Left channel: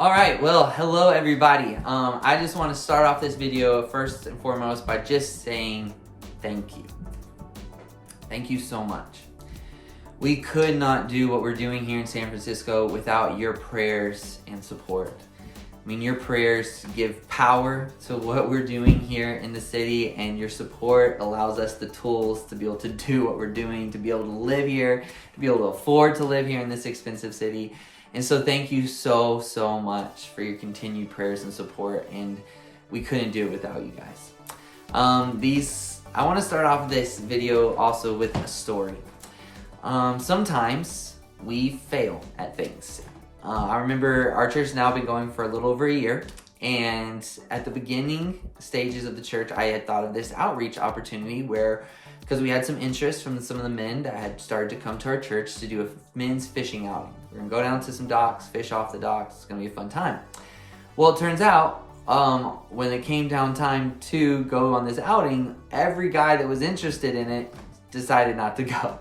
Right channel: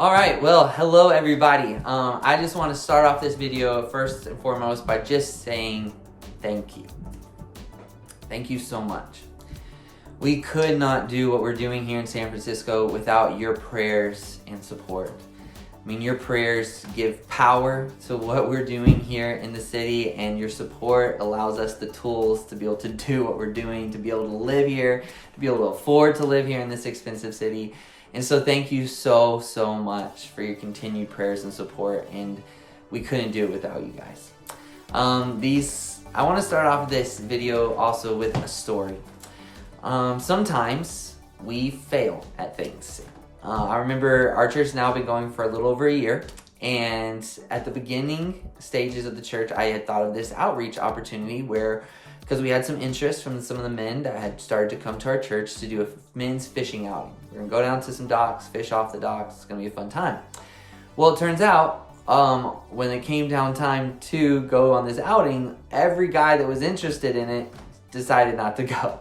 All right, well, hello everybody. I just want to start off this video first and foremost by just saying thank you. Thank you so much. We could not do what we're doing here in San Francisco without your prayers and support. I mean, your prayers give power to what we're doing here in the city, and your support allows us the tools to be able to do what we're doing, to be able to live here, to be able to afford to live here in this expensive city. And so thank you so much for your continued prayers and support, and we couldn't do it without you guys. I want to start off this video also with a story. Sometimes we fail at things. I remember our church has now been going for a little over a year, and at the beginning stages of the church, I had thought of this outreach opportunity where, because we had some interest from some of the men that had started to come to our church to do a men's fishing outing. We're gonna go down to some docks, fish off the docks. It's gonna be a fun time. Well, it turns out, when it came down time to go on this outing, every guy that was interested in it decided not to go.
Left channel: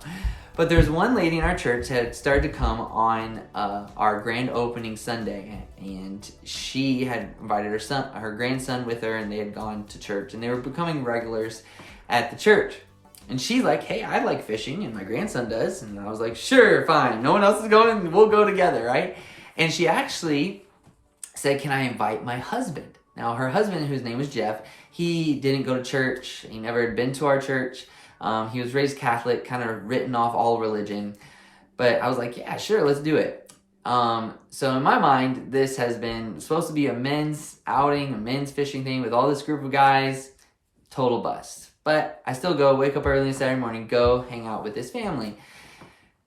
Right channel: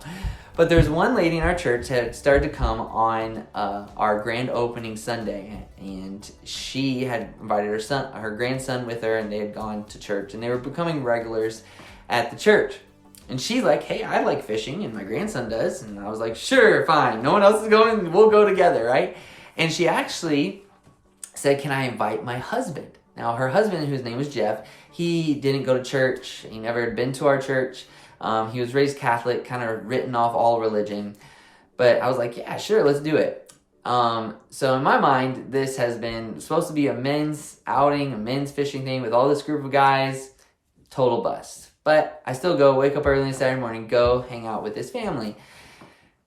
But there's one lady in our church that had started to come on our grand opening Sunday, and she had invited her grandson with her, and they had gone to church, and they were becoming regulars at the church. And she's like, hey, I like fishing, and my grandson does. And I was like, sure, fine. No one else is going, we'll go together, right? And she actually said, can I invite my husband? Now, her husband, whose name was Jeff, he didn't go to church. He never had been to our church. He was raised Catholic, kind of written off all religion. But I was like, yeah, sure, let's do it. So in my mind, this has been supposed to be a men's outing, a men's fishing thing with all this group of guys. Total bust. But I still go, wake up early on Saturday morning, go hang out with this family.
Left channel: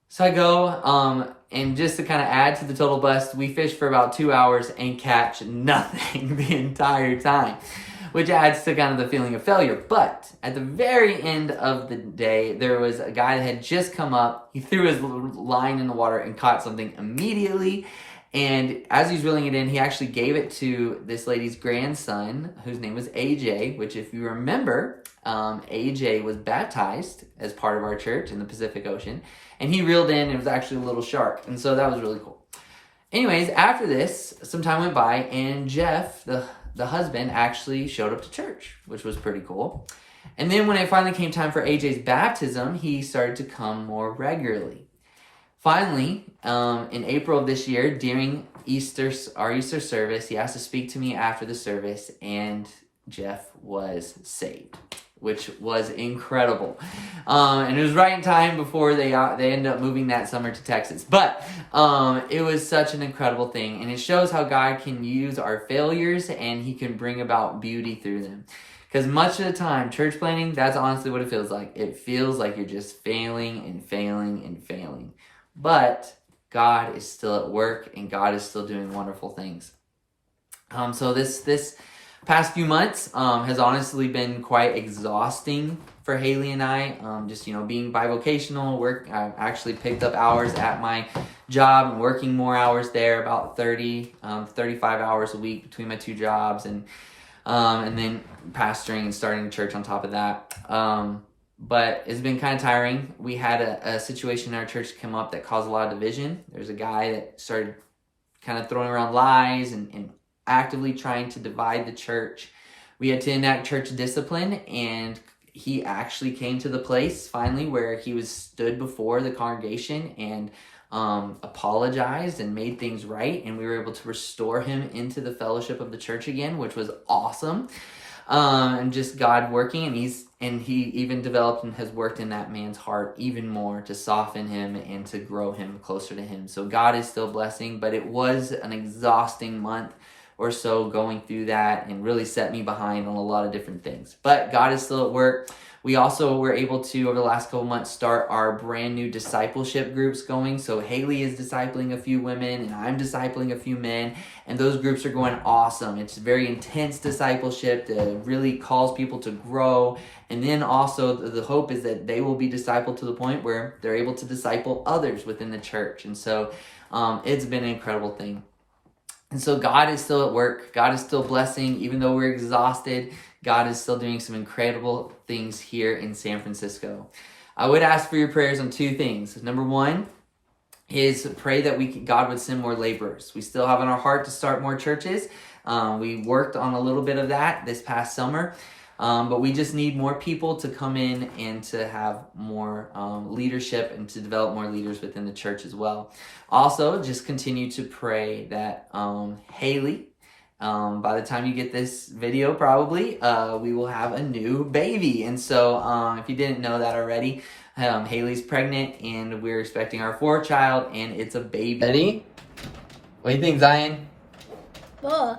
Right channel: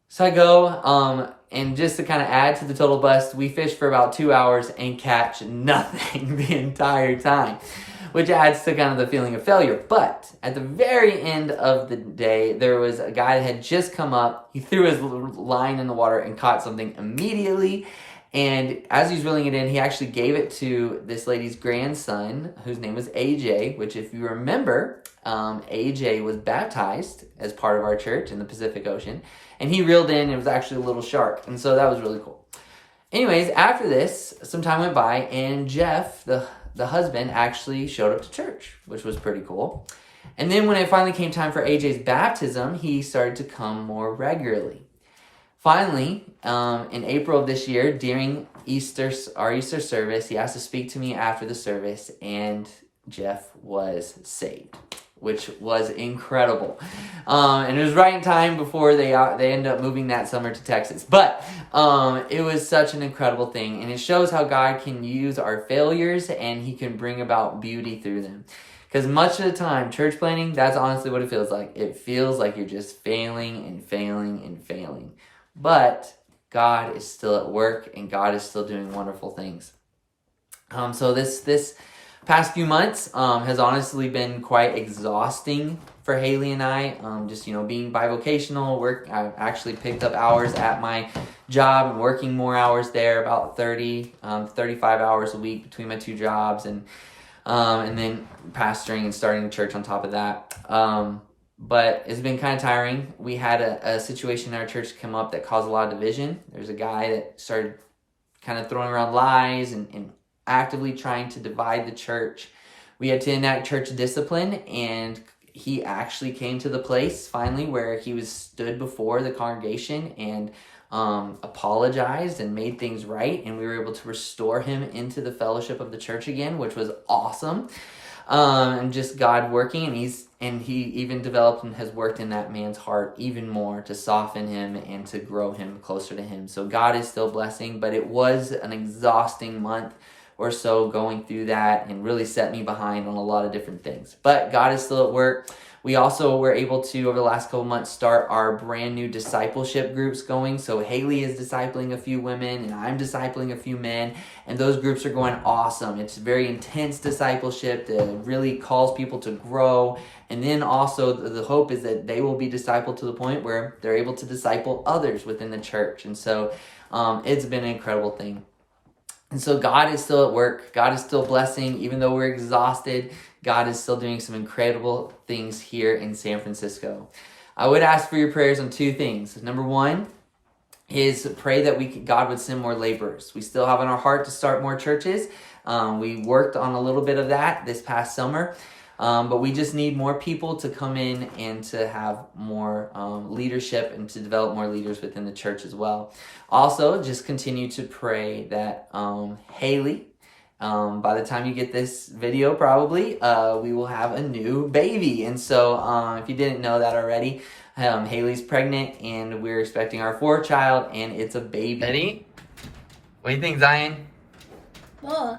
So I go, and just to kind of add to the total bust, we fish for about 2 hours and catch nothing the entire time, which adds to kind of the feeling of failure. But at the very end of the day, there was a guy that had just come up. He threw his line in the water and caught something immediately. And as he's reeling it in, he actually gave it to this lady's grandson, whose name was AJ, which if you remember, AJ was baptized as part of our church in the Pacific Ocean. And he reeled in, it was actually a little shark. And so that was really cool. Anyways, after this, some time went by, and Jeff, the husband, actually showed up to church, which was pretty cool. And then when it finally came time for AJ's baptism, he started to come more regularly. Finally, in April of this year, during our Easter service, he asked to speak to me after the service, and Jeff was saved, which was incredible. And it was right in time before they ended up moving that summer to Texas. But it was such an incredible thing, and it shows how God can use our failures, and he can bring about beauty through them. Because much of the time, church planning, that's honestly what it feels like. It feels like you're just failing and failing and failing. But God is still at work, and God is still doing wonderful things. So this past few months has honestly been quite exhausting for Haley and I. Just, being bivocational, I actually picked up hours at my job and working more hours there, about 30, 35 hours a week between my two jobs, and then pastoring and starting the church on top of that. But it's been kind of tiring. We had a situation in our church come up that caused a lot of division. There's a guy that started kind of throwing around lies and actively trying to divide the church. We had to enact church discipline, and he actually came to the place finally where he stood before the congregation and apologized and made things right, and we were able to restore him into the fellowship of the church again, which was awesome. And just God working, and he even developed and has worked in that man's heart even more to soften him and to grow him closer to him. So God is still blessing, but it was an exhausting month or so going through that, and really set me behind on a lot of different things. But God is still at work. We also were able to, over the last couple months, start our brand new discipleship groups going. So Haley is discipling a few women, and I'm discipling a few men, and those groups are going awesome. It's very intense discipleship that really calls people to grow. And then also the hope is that they will be discipled to the point where they're able to disciple others within the church. And so it's been an incredible thing. And so God is still at work. God is still blessing. Even though we're exhausted, God is still doing some incredible things here in San Francisco. I would ask for your prayers on two things. Number one, is pray that God would send more laborers. We still have in our heart to start more churches. We worked on a little bit of that this past summer. But we just need more people to come in and to have more leadership and to develop more leaders within the church as well. Also, just continue to pray that Haley, by the time you get this video, probably, we will have a new baby. And so if you didn't know that already, Haley's pregnant and we're expecting our 4th child, and it's a baby. Ready? What do you think, Zion? Boy.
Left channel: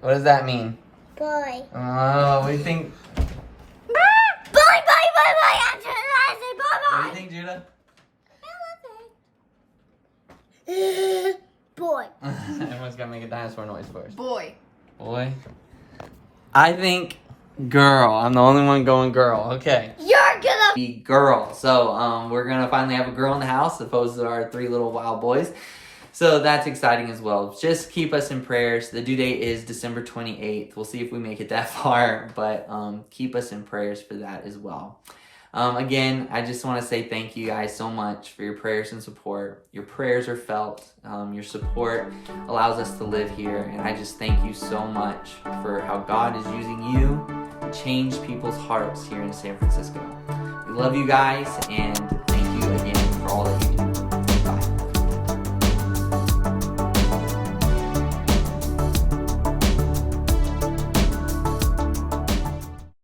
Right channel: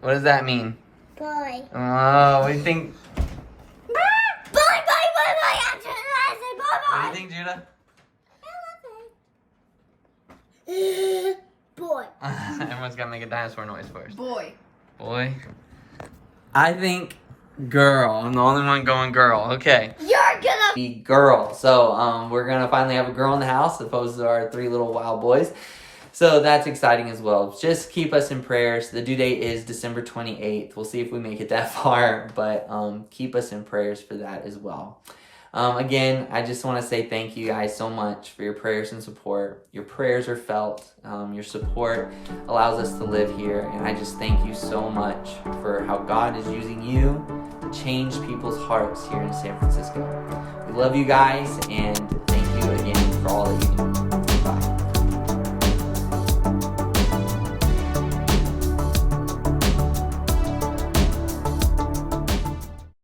What does that mean? Boy. Oh, what do you think? Boy, I'm trying to say boy. What do you think, Judah? Boy. Everyone's got to make a dinosaur noise first. Boy. Boy. I think girl. I'm the only one going girl. Okay. You're gonna be girl. So we're going to finally have a girl in the house as opposed to our 3 little wild boys. So that's exciting as well. Just keep us in prayers. The due date is December 28th. We'll see if we make it that far, but keep us in prayers for that as well. Again, I just want to say thank you guys so much for your prayers and support. Your prayers are felt. Your support allows us to live here. And I just thank you so much for how God is using you to change people's hearts here in San Francisco. We love you guys, and